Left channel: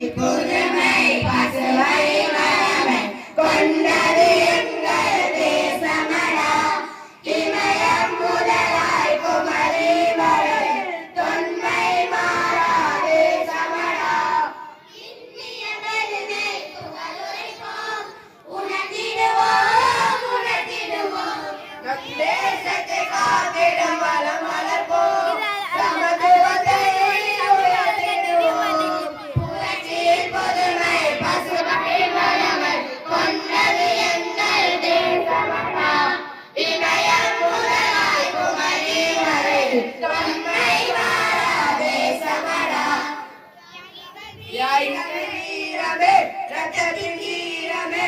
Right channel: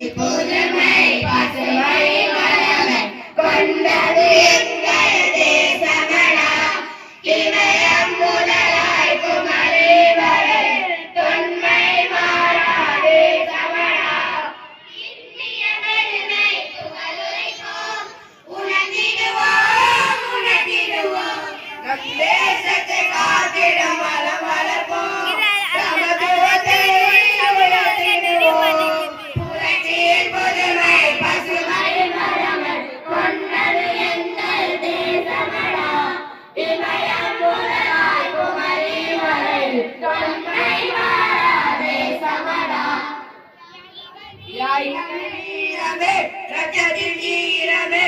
புதுமை பசுமை மரமை கொண்டது எங்கள் தேசமடா. இமயம் முதலாய் குமரி வரை தொன்மை மாறா தேசமடா. இந்திய பெருமை புகழுரைப்போம், உணர்ந்திடுவோம் உணர்ந்திடுவோம். நம் தேசத்தை காத்திடும் வளம் வளர்ப்போம். வீரமே ரத்தத்தின் வீரமே